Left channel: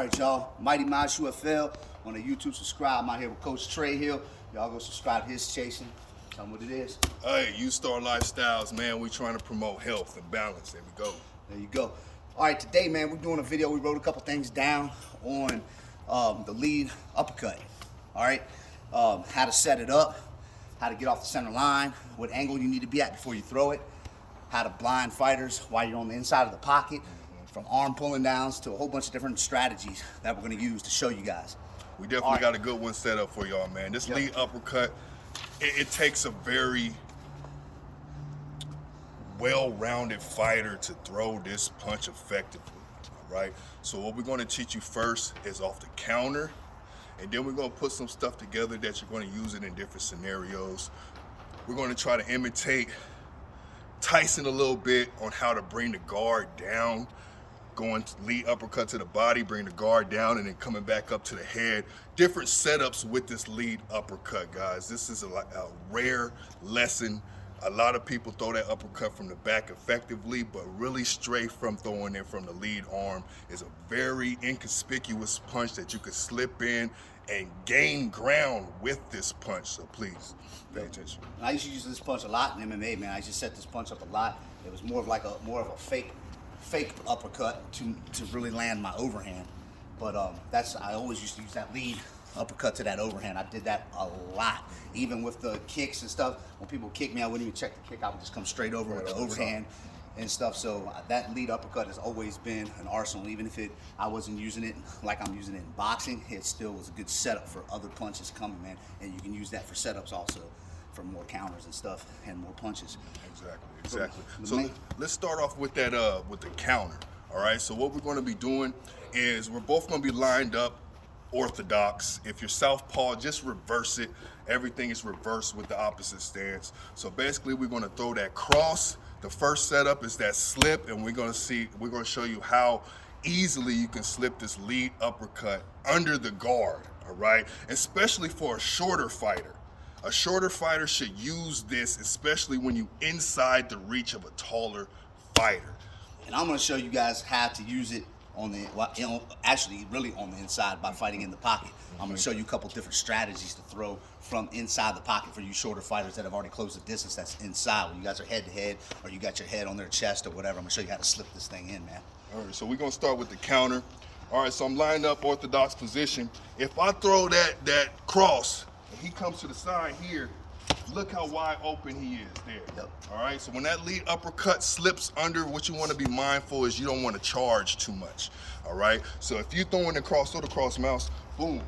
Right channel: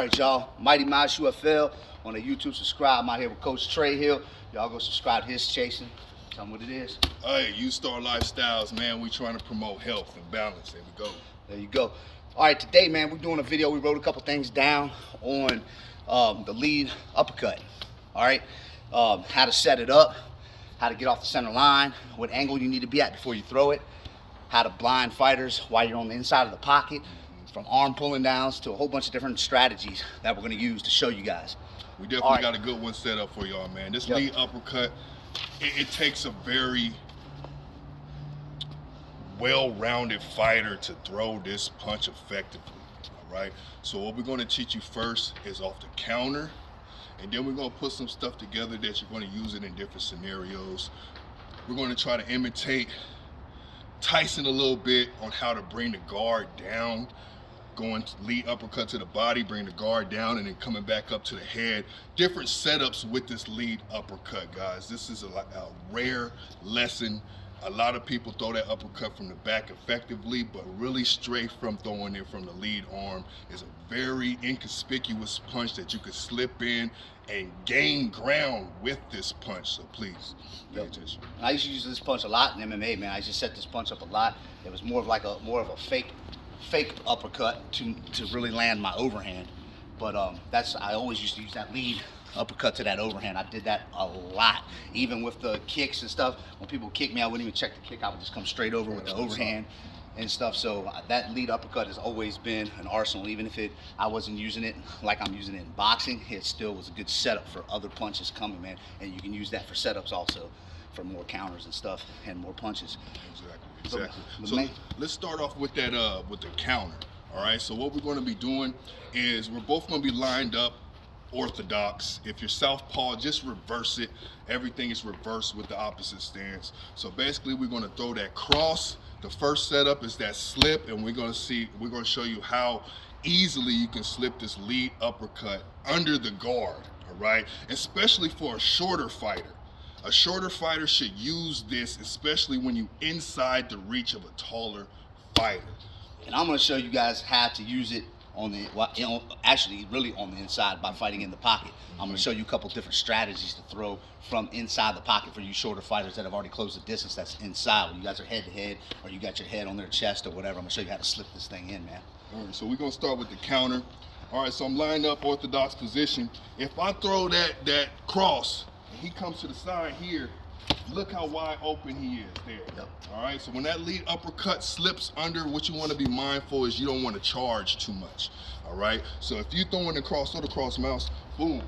All right, y'all. Mighty Mouse UFL on the YouTube. Subscribe. I'm out here with Coach Trey Hill. Y'all go subscribe to his chasing. Tell them what it is. Hey, U-Star Lifestyles, man. We trying to promote health and balance. There we go. There you go. All right, today, man, we're doing a video. We wrote a couple things down on the lead uppercut. All right, how to set it up, how to get off the center line, what angle you need to be at before you throw it, how to blind fighters while you're on the inside of the pocket, from arm pulling downs to a whole bunch of different strategies that we're going to use to show you guys. We definitely got a good one set up for y'all, man. This lead uppercut, it takes a very well-rounded fighter to throw this punch effectively, all right? So what we're going to teach you first is off the counter, and then we're going to put some stuff together that you're going to use it in different scenarios. We're going to try to imitate Tyson a little bit on how to bring the guard down, going to lead uppercut to the body, bring the guard down, and then coming back up to the head. Different setups with this lead uppercut, guys. This is a rare lesson. A lot of people throw that uppercut from the back effectively, but really straight from throwing it from the lead arm is a very inconspicuous punch that you could slip in and gain ground with this punch. So please pay attention. I used to use this punch a lot in MMA, man. I used to set this punch up a lot. It was more of a fake uppercut to really land my overhand. But I always used to use that lead uppercut to that overhand. I did that a lot, even with the kicks and stuff. When people kick me, I wouldn't even check the kick. I would just come straight over with the overhand and stuff. So that lead uppercut has always been an arsenal. Even if I wasn't using it like I'm using it in boxing, it still was a good setup for other punches coming, man. And you can use that for setups also, for more counters and stuff and more punches. Exactly. So let's start off with that with the counter. All right. So what we're going to be doing is we're both going to be lined up orthodox. If you're southpaw, just reverse it. Everything is reversed with the opposite stance. So basically, we're going to throw that cross. The first setup is that slip, and we're going to show you how easily you can slip this lead uppercut under the guard. All right, especially for a shorter fighter. A shorter fighter should use this, especially when you're inside the reach of a taller fighter. And I'm going to show you guys how to use it on the, actually really on the inside by fighting in the pocket. I'm going to show you a couple different strategies to throw from inside the pocket for you shorter fighters that have already closed the distance that's inside, when you guys are head to head or you got your head on their chest or whatever. I'm going to show you how to slip this thing in, man. All right, so we're going to start with the counter. All right, so I'm lined up orthodox position. If I throw that cross, and he comes to the side here, look how wide open he is there. Yep. All right, so when that lead uppercut slips under, what you want to be mindful is you don't want to charge too much. All right, so if you're throwing the cross, throw the cross, mouse, boom,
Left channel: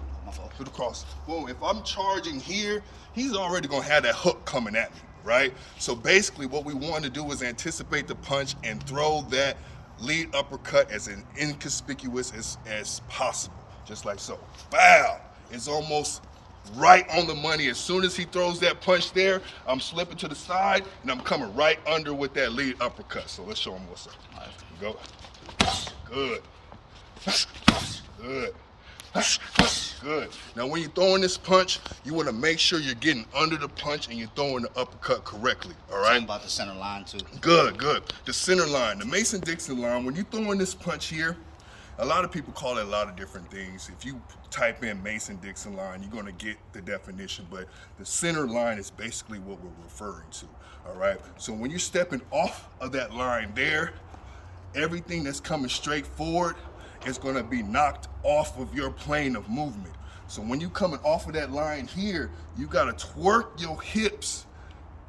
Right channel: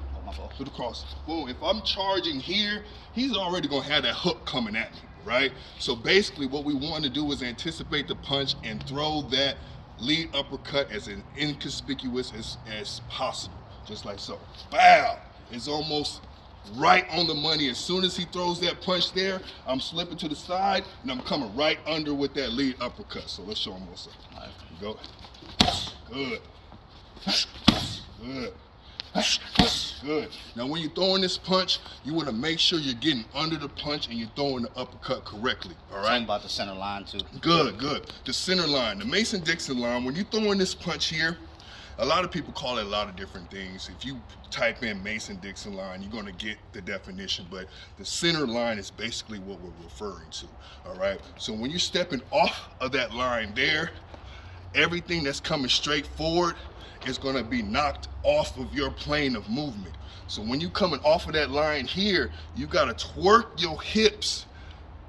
through the cross, boom. If I'm charging here, he's already going to have that hook coming at me, right? So basically what we want to do is anticipate the punch and throw that lead uppercut as inconspicuous as possible, just like so. Bow! It's almost right on the money. As soon as he throws that punch there, I'm slipping to the side and I'm coming right under with that lead uppercut. So let's show him what's up. All right, go. Good. Good. Good. Now when you're throwing this punch, you want to make sure you're getting under the punch and you're throwing the uppercut correctly. All right. Something about the center line too. Good. The center line, the Mason-Dixon line. When you're throwing this punch here, a lot of people call it a lot of different things. If you type in Mason-Dixon line, you're going to get the definition, but the center line is basically what we're referring to, all right? So when you're stepping off of that line there, everything that's coming straight forward is going to be knocked off of your plane of movement. So when you're coming off of that line here, you got to twerk your hips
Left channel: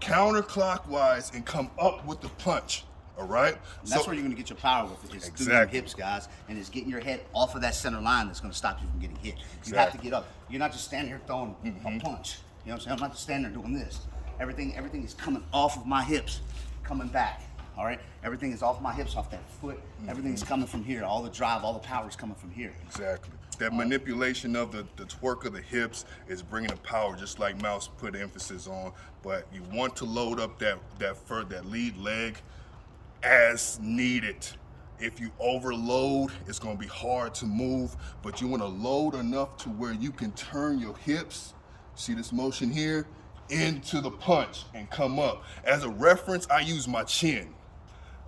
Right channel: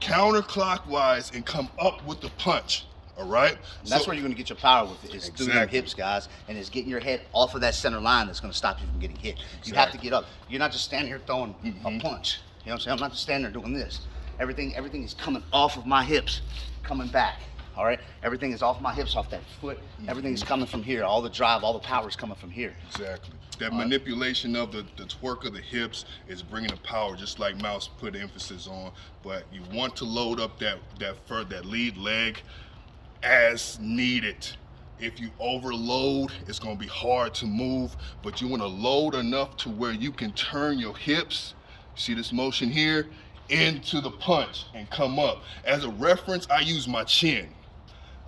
counterclockwise and come up with the punch. All right. And that's where you're going to get your power with it. It's through your hips, guys, and it's getting your head off of that center line that's going to stop you from getting hit. You have to get up. You're not just standing here throwing a punch. You know what I'm saying? I'm not just standing there doing this. Everything is coming off of my hips, coming back. All right. Everything is off my hips, off that foot. Everything is coming from here. All the drive, all the power is coming from here. Exactly. That manipulation of the twerk of the hips is bringing the power, just like Mouse put emphasis on. But you want to load up that lead leg as needed. If you overload, it's going to be hard to move, but you want to load enough to where you can turn your hips, see this motion here, into the punch and come up. As a reference, I use my chin.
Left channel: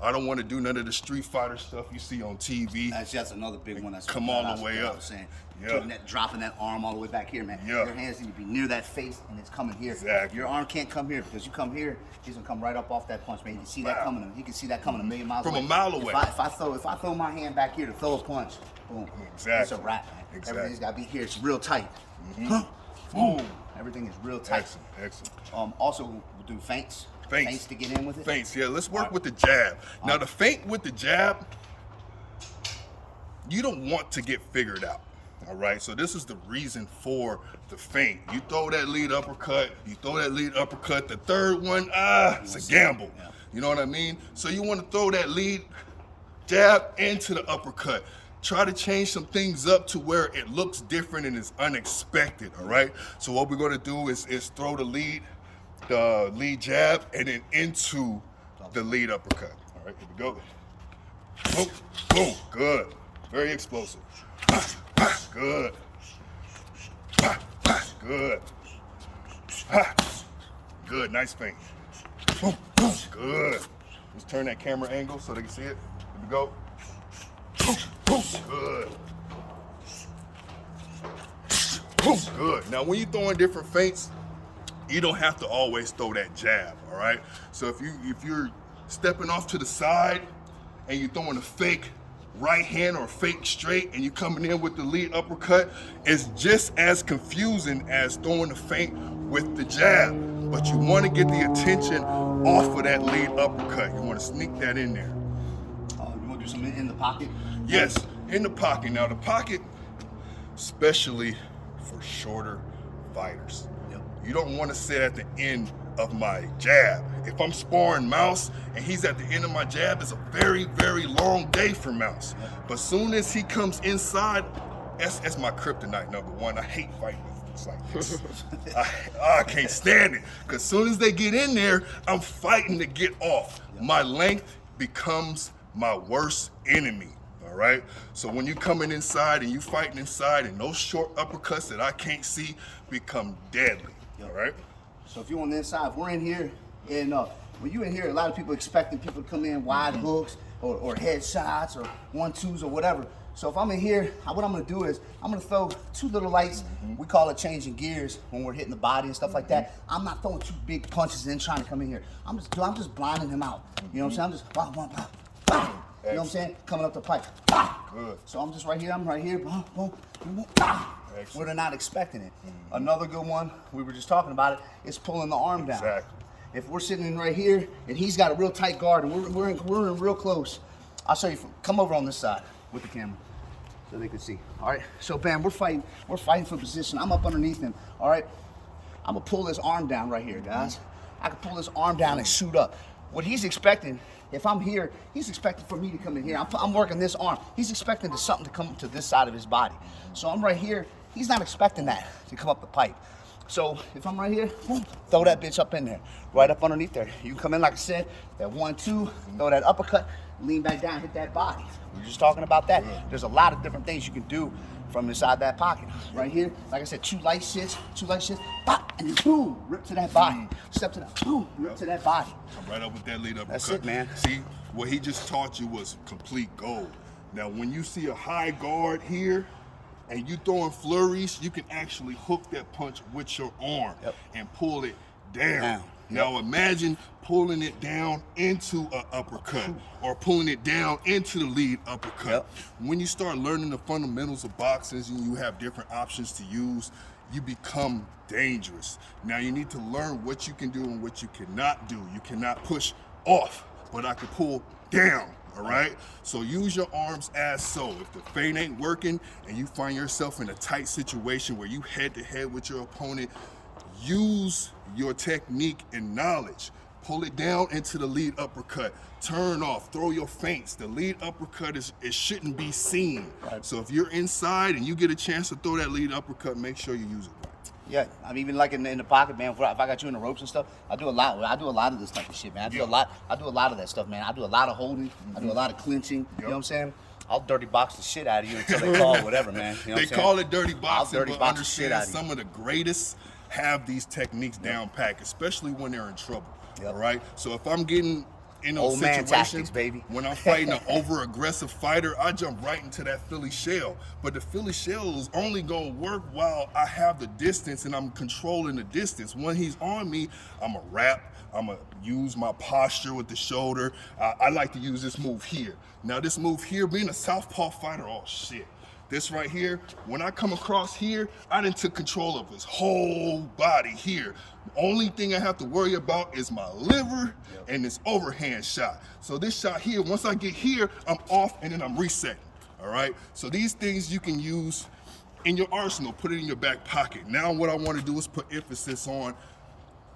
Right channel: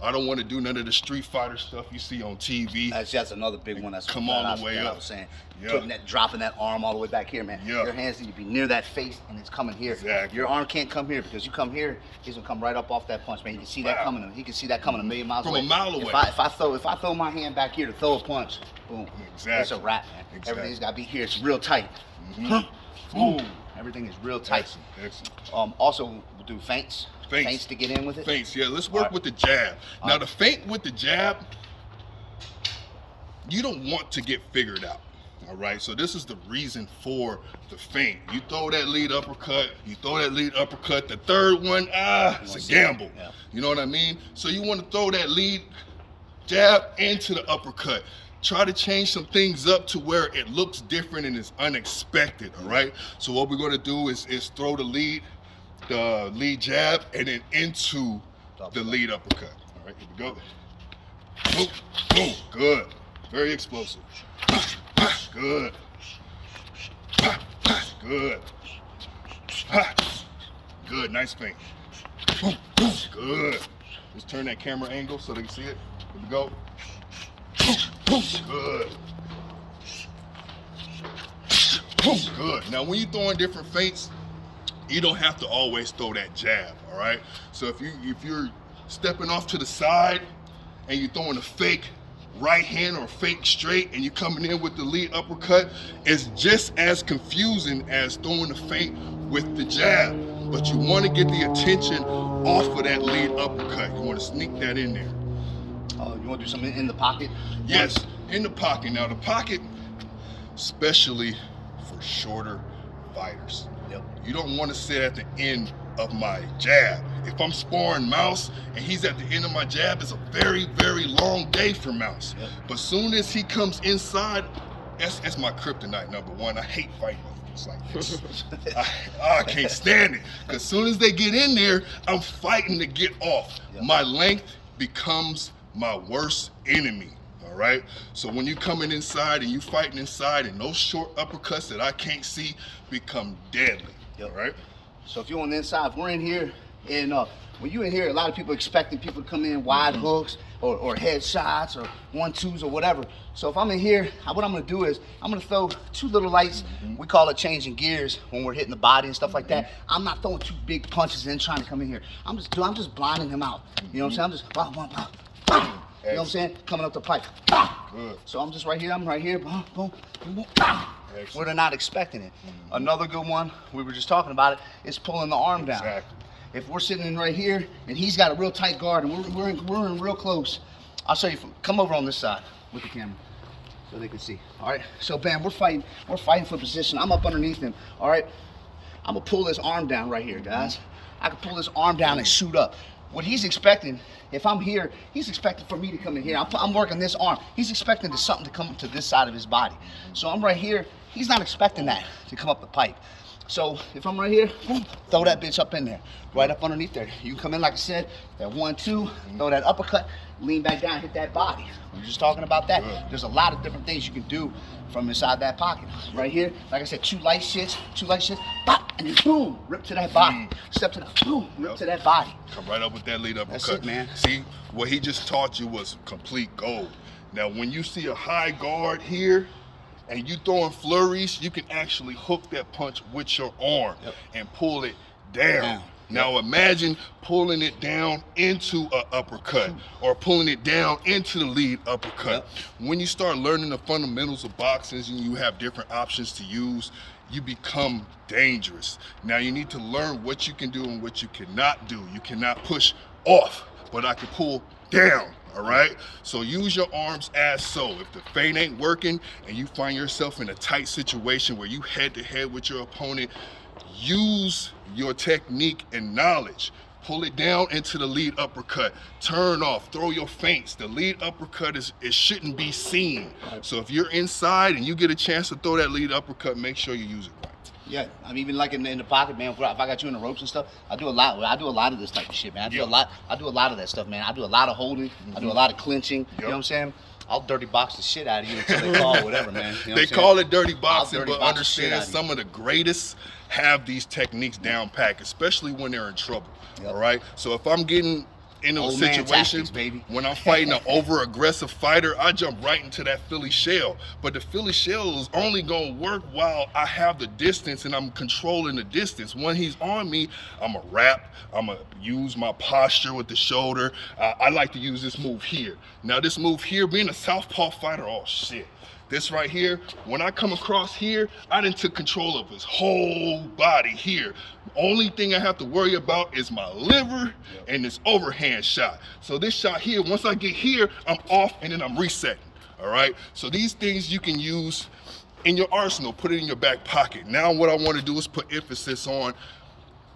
I don't want to do none of the Street Fighter stuff you see on TV. That's another big one. That's come all the way up. I was saying, Yeah. dropping that arm all the way back here, man. Yeah. Your hands need to be near that face, and it's coming here. Exactly. Your arm can't come here because you come here, he's gonna come right up off that punch, man. You can see that coming. He can see that coming a million miles away. From a mile away. If I throw my hand back here to throw a punch, boom. Exactly. It's a wrap, man. Exactly. Everything's gotta be here. It's real tight. Boom. Everything is real tight. Excellent. Also, we'll do feints. Feints to get in with it. Feints, yeah. Let's work with the jab. Now, the feint with the jab, you don't want to get figured out. All right. So this is the reason for the feint. You throw that lead uppercut. The third one, it's a gamble. Yeah. You know what I mean? So you want to throw that lead jab into the uppercut. Try to change some things up to where it looks different and is unexpected. All right. So what we're going to do is throw the lead jab and then into the lead uppercut. All right, here we go. Boom, boom, good. Very explosive. Good. Good. Good, nice feint. Boom, boom, good. Just turn that camera angle so they can see it. Here we go. Boom, boom, good. Boom, good. Now when you're throwing different feints, you don't have to always throw that jab, all right? So if you're stepping off to the side and you're throwing a fake right hand or fake straight and you're coming in with the lead uppercut, it's just as confusing as throwing the feint with the jab. But you want to get the attention off of that lead uppercut. You want to sneak that in there. You want to do something in the pocket? Yes, in the pocket. Now the pocket, especially for shorter fighters. Yep. You don't want to sit at the end of my jab. If I'm sparring Mouse and he's at the end of my jab, it's a very, very long day for Mouse. Yep. But soon as he comes inside, that's my kryptonite number one. I hate fighting with it's like this. I can't stand it. Because soon as they get in there, I'm fighting to get off. Yep. My length becomes my worst enemy. All right. So when you're coming inside and you fighting inside, and those short uppercuts that I can't see become deadly. Yep. All right. So if you're on the inside, if we're in here, and when you're in here, a lot of people expecting people to come in wide hooks or head shots or 1-2s or whatever. So if I'm in here, what I'm gonna do is I'm gonna throw two little lights. We call it changing gears when we're hitting the body and stuff like that. I'm not throwing two big punches and trying to come in here. I'm just blinding him out. You know what I'm saying? I'm just blah, blah, blah, blah. You know what I'm saying? Coming up the pipe. Good. So I'm just right here. I'm right here. Boom, boom, boom, boom. Where they're not expecting it. Another good one, we were just talking about it, is pulling the arm down. Exactly. If we're sitting in right here and he's got a real tight guard and we're in real close, I'll show you. Come over on this side with the camera so they can see. All right. So bam, we're fighting for position. I'm up underneath him. All right. I'm gonna pull this arm down right here, guys. I can pull this arm down and shoot up. What he's expecting, if I'm here, he's expecting for me to come in here. I'm working this arm. He's expecting something to come to this side of his body. So I'm right here. He's not expecting that to come up the pipe. So if I'm right here, boom, throw that bitch up in there, right up underneath there. You can come in, like I said, that 1-2, throw that uppercut, lean back down, hit that body. We were just talking about that. There's a lot of different things you can do from inside that pocket. Right here, like I said, two light shits, pop, and then boom, rip to that body. Step to that, boom, rip to that body. Come right up with that lead uppercut. That's it, man. See, what he just taught you was complete gold. Now, when you see a high guard here, and you throwing flurries, you can actually hook that punch with your arm and pull it down. Now imagine pulling it down into an uppercut or pulling it down into the lead uppercut. When you start learning the fundamentals of boxing and you have different options to use, you become dangerous. Now you need to learn what you can do and what you cannot do. You cannot push off, but I can pull down. All right, so use your arms as so. If the feint ain't working and you find yourself in a tight situation where you head to head with your opponent, use your technique and knowledge. Pull it down into the lead uppercut. Turn off, throw your feints. The lead uppercut it shouldn't be seen. So if you're inside and you get a chance to throw that lead uppercut, make sure you use it right. Yeah, I'm even like in the pocket, man. If I got you in the ropes and stuff, I do a lot of this type of shit, man. I do a lot of that stuff, man. I do a lot of holding. I do a lot of clinching. You know what I'm saying? I'll dirty box the shit out of you until they call whatever, man. You know they call it dirty boxing, but understand the some of the greatest have these techniques down packed, especially when they're in trouble. All right. So if I'm getting in those Old man situations, tactics, baby. when I'm fighting an over-aggressive fighter, I jump right into that Philly shell. But the Philly shell is only gonna work while I have the distance and I'm controlling the distance. When he's on me, I'm gonna wrap, I'm gonna use my posture with the shoulder. I like to use this move here. Now this move here, being a southpaw fighter, oh shit. This right here, when I come across here, I done took control of his whole body here. The only thing I have to worry about is my liver and this overhand shot. So this shot here, once I get here, I'm off and then I'm resetting, all right? So these things you can use in your arsenal, put it in your back pocket. Now what I wanna do is put emphasis on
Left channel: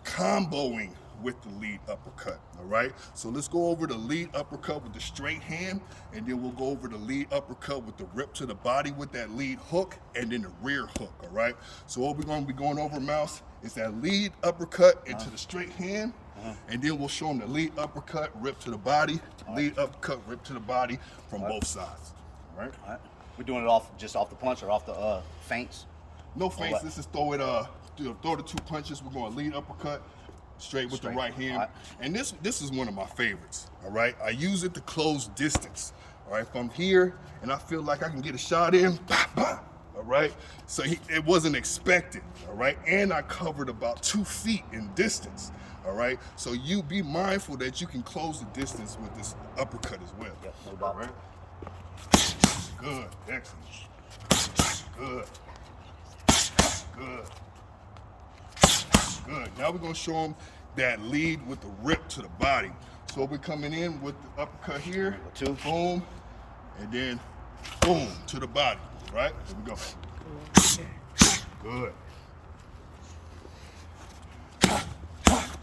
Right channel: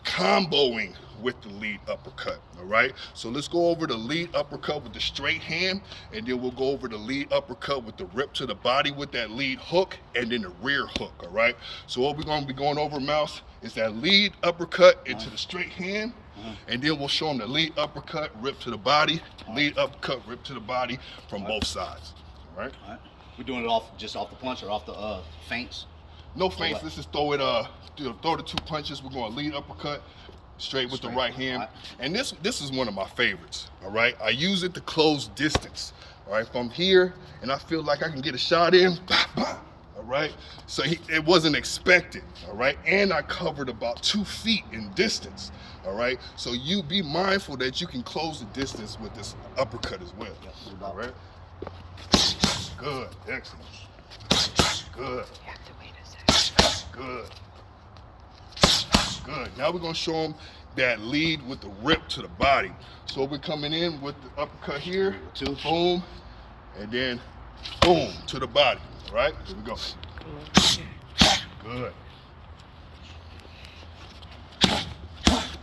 comboing with the lead uppercut, all right? So let's go over the lead uppercut with the straight hand, and then we'll go over the lead uppercut with the rip to the body with that lead hook, and then the rear hook, all right? So what we're gonna be going over, Mouse, is that lead uppercut into the straight hand, and then we'll show them the lead uppercut, rip to the body, lead uppercut, rip to the body from both sides, all right? All right. We're doing it just off the punch or off the feints? No feints, let's just throw it, throw the 2 punches. We're going lead uppercut, straight with the right hand. Right. And this is one of my favorites, all right? I use it to close distance, all right? If I'm here and I feel like I can get a shot in, bah, bah, all right? So it wasn't expected, all right? And I covered about 2 feet in distance, all right? So you be mindful that you can close the distance with this uppercut as well, all right? Good, excellent, good, good. Good. Now we're gonna show them that lead with the rip to the body. So we're coming in with the uppercut here, boom, and then boom to the body. All right, here we go. Good.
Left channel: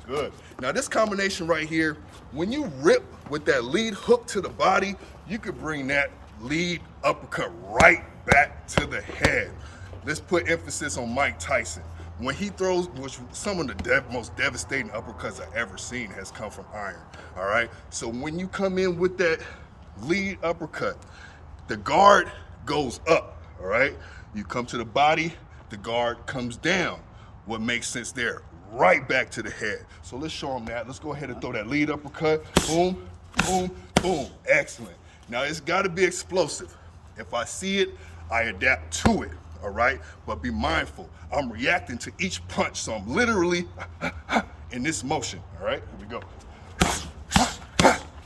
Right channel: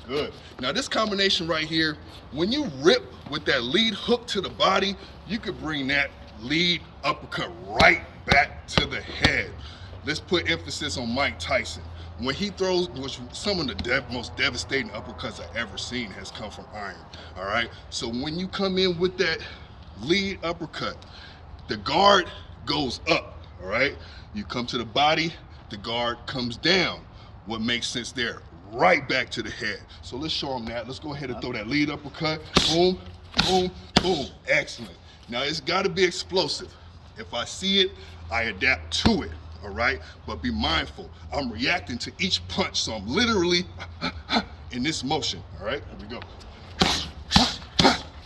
Good. Now this combination right here, when you rip with that lead hook to the body, you could bring that lead uppercut right back to the head. Let's put emphasis on Mike Tyson. When he throws, which some of the most devastating uppercuts I've ever seen has come from iron, all right? So when you come in with that lead uppercut, the guard goes up, all right? You come to the body, the guard comes down. What makes sense there? Right back to the head. So let's show them that. Let's go ahead and throw that lead uppercut. Boom, boom, boom. Excellent. Now it's gotta be explosive. If I see it, I adapt to it. All right, but be mindful. I'm reacting to each punch, so I'm literally in this motion. All right, here we go.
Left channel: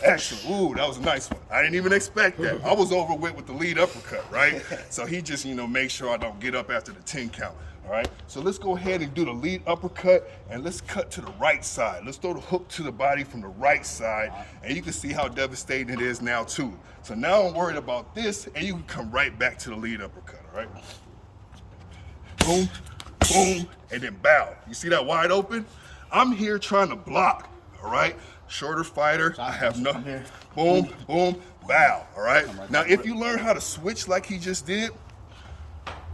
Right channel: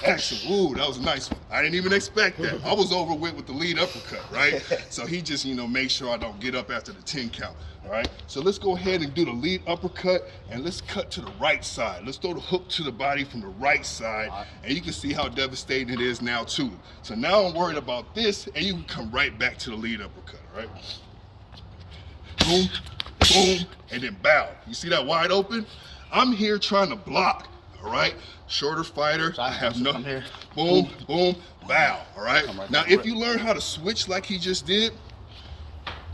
Excellent. Ooh, that was a nice one. I didn't even expect that. I was over with the lead uppercut, right? So he just, make sure I don't get up after the 10 count. All right, so let's go ahead and do the lead uppercut, and let's cut to the right side. Let's throw the hook to the body from the right side, and you can see how devastating it is now too. So now I'm worried about this, and you can come right back to the lead uppercut. All right. Boom, boom, and then bow. You see that wide open? I'm here trying to block, all right? Shorter fighter, I have no, boom, boom, bow, all right? Now, if you learn how to switch like he just did,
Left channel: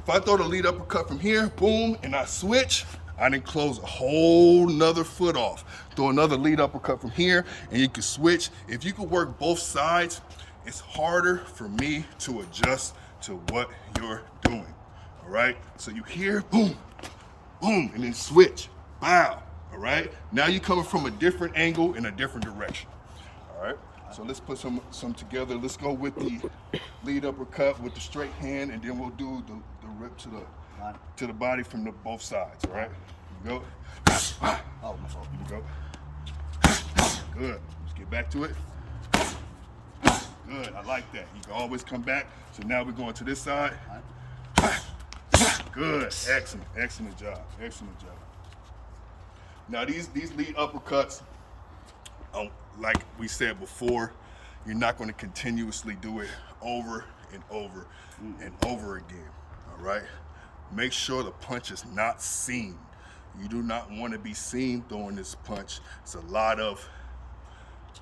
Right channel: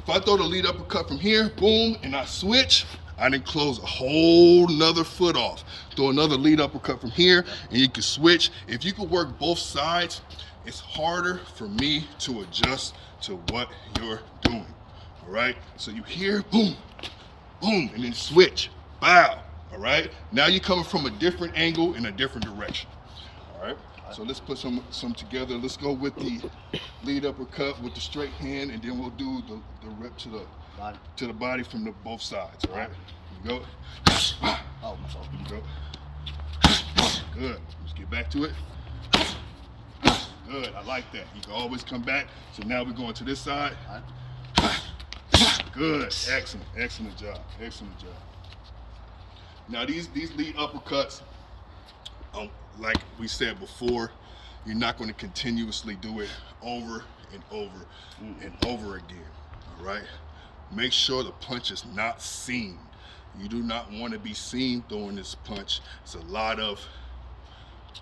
if I throw the lead uppercut from here, boom, and I switch, I didn't close a whole nother foot off. Throw another lead uppercut from here, and you can switch. If you can work both sides, it's harder for me to adjust to what you're doing. All right, so you hear boom, boom, and then switch, bow, all right? Now you're coming from a different angle in a different direction, all right? So let's put some together. Let's go with the lead uppercut with the straight hand, and then we'll do the rip to the body from both sides, all right? Here we go. Oh, my fault. Here we go. Good, let's get back to it. Good, I like that. You can always come back. So now we're going to this side. All right. Good, excellent, excellent job, excellent job. Now these lead uppercuts, like we said before, you're not going to continuously do it over and over and over again, all right? Make sure the punch is not seen. You do not want to be seen throwing this punch. It's a lot of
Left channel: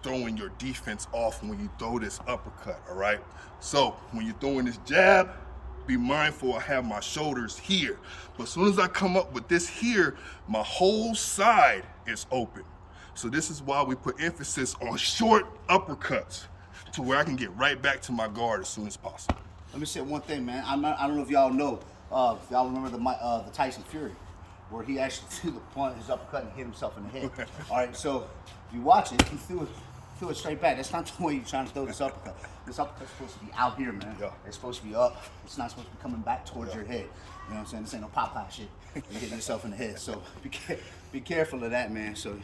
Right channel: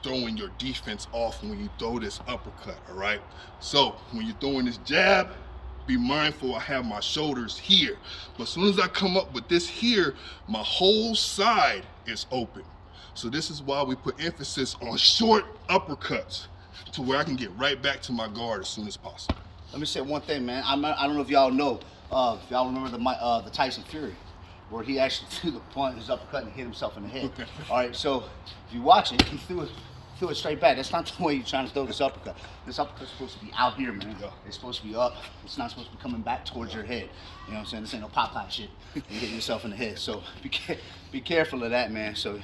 throwing your defense off when you throw this uppercut, all right? So when you're throwing this jab, be mindful I have my shoulders here. But as soon as I come up with this here, my whole side is open. So this is why we put emphasis on short uppercuts to where I can get right back to my guard as soon as possible. Let me say one thing, man. I don't know if y'all know, if y'all remember the Tyson Fury, where he actually threw his uppercut and hit himself in the head. All right, so if you watch it, he threw threw it straight back. That's not the way you're trying to throw this uppercut. This uppercut's supposed to be out here, man. Yeah. It's supposed to be up. It's not supposed to be coming back towards your head. You know what I'm saying? This ain't no Popeye shit. You're hitting yourself in the head. So be careful of that, man. So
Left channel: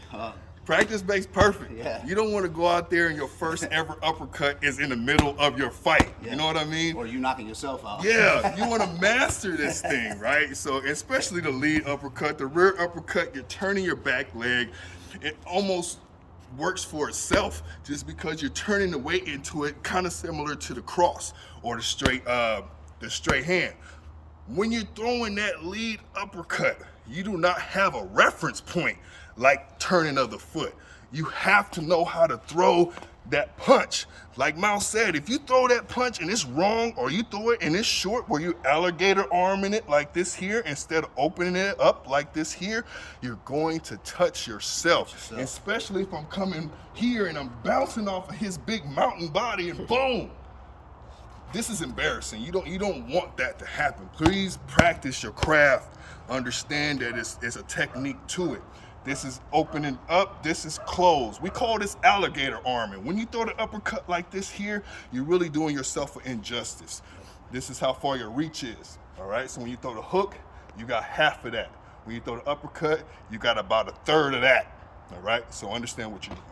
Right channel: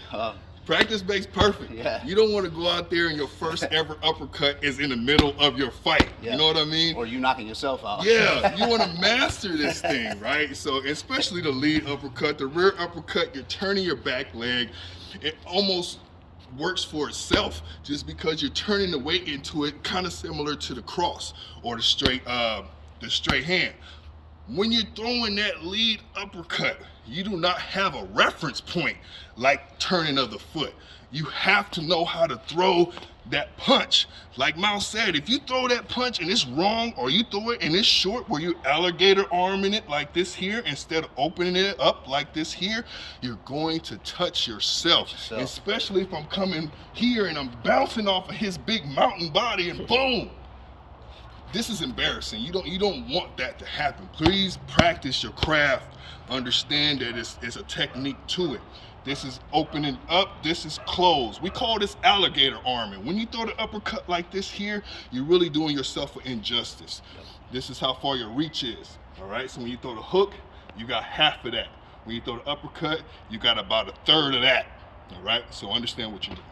practice makes perfect. Yeah. You don't want to go out there and your first ever uppercut is in the middle of your fight. Yeah. You know what I mean? Or you knocking yourself out. Yeah, you want to master this thing, right? So especially the lead uppercut, the rear uppercut, you're turning your back leg. It almost works for itself just because you're turning the weight into it, kind of similar to the cross or the straight hand. When you're throwing that lead uppercut, you do not have a reference point like turning of the foot. You have to know how to throw that punch. Like Mouse said, if you throw that punch and it's wrong, or you throw it and it's short where you alligator arming it like this here instead of opening it up like this here, you're going to touch yourself. Especially if I'm coming here and I'm bouncing off of his big mountain body and boom. This is embarrassing. You don't want that to happen. Please practice your craft. Understand that it's a technique to it. This is opening up, this is closed. We call this alligator arming. When you throw the uppercut like this here, you're really doing yourself an injustice. This is how far your reach is, all right? So when you throw the hook, you got half of that. When you throw the uppercut, you got about a third of that, all right? So understand what you're doing.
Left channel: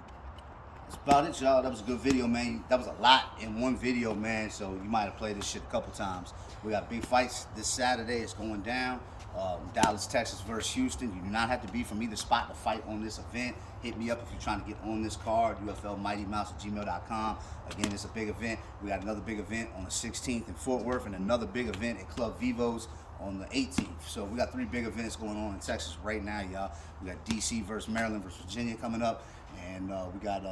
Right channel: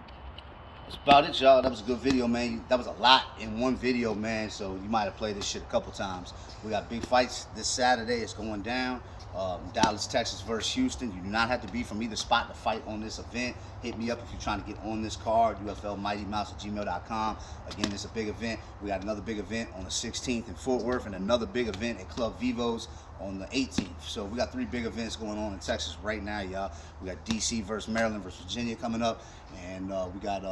That's about it, y'all. That was a good video, man. That was a lot in one video, man. So you might have played this shit a couple times. We got big fights this Saturday. It's going down. Dallas, Texas versus Houston. You do not have to be from either spot to fight on this event. Hit me up if you're trying to get on this card, uflmightymouse@gmail.com. Again, it's a big event. We got another big event on the 16th in Fort Worth and another big event at Club Vivo's on the 18th. So we got 3 big events going on in Texas right now, y'all. We got DC versus Maryland versus Virginia coming up, and we got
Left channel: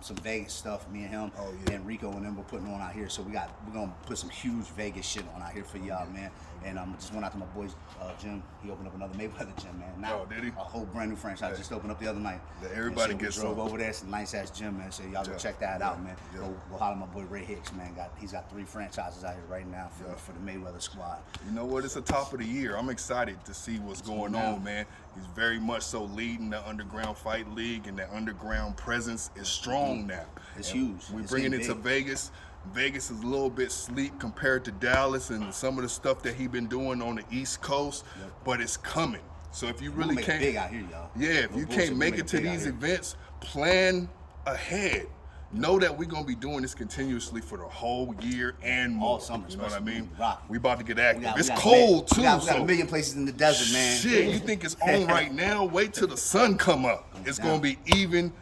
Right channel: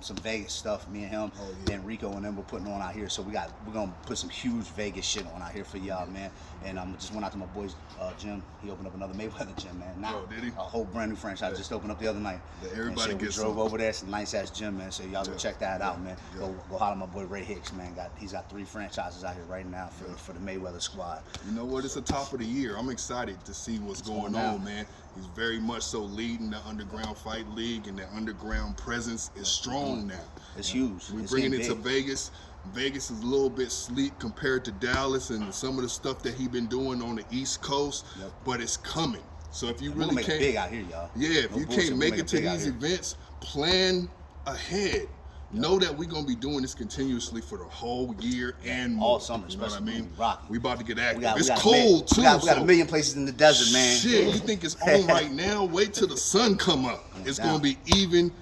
some Vegas stuff. Me and him and Rico and them we're putting on out here. So we're gonna put some huge Vegas shit on out here for y'all, man. And just went out to my boy's gym. He opened up another Mayweather gym, man. Now did he? a whole brand new franchise just opened up the other night. Everybody we drove over there. It's a nice ass gym, man. So y'all go check that out, man. Go holler at my boy Ray Hicks, man. He's got 3 franchises out here right now for the Mayweather squad. You know what? It's the top of the year. I'm excited to see what's going on, man. He's very much so leading the underground fight league, and that underground presence is strong now. It's huge. We're bringing it to Vegas. Vegas is a little bit sleep compared to Dallas and some of the stuff that he's been doing on the East Coast, but it's coming. So if you really can't, big out here, y'all. Yeah, if you can't make it to these events, plan ahead. Know that we're gonna be doing this continuously for the whole year and more. All summer, you know what I mean? We We about to get active. We It's got cold too. We got a million places in the desert, man. Shit, you think it's on right now? Wait till the sun come up. It's gonna be even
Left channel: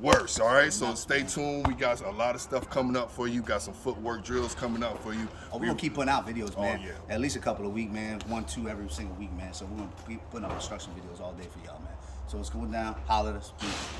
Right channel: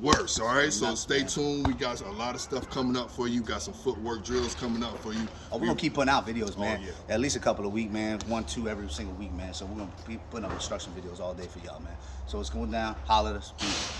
worse. All right, so stay tuned. We got a lot of stuff coming up for you. Got some footwork drills coming up for you. We're gonna keep putting out videos, man. yeah. At least a couple a week, man. 1, 2 every single week, man. So we're gonna keep putting up instruction videos all day for y'all, man. So it's going down. Holler at us. Peace.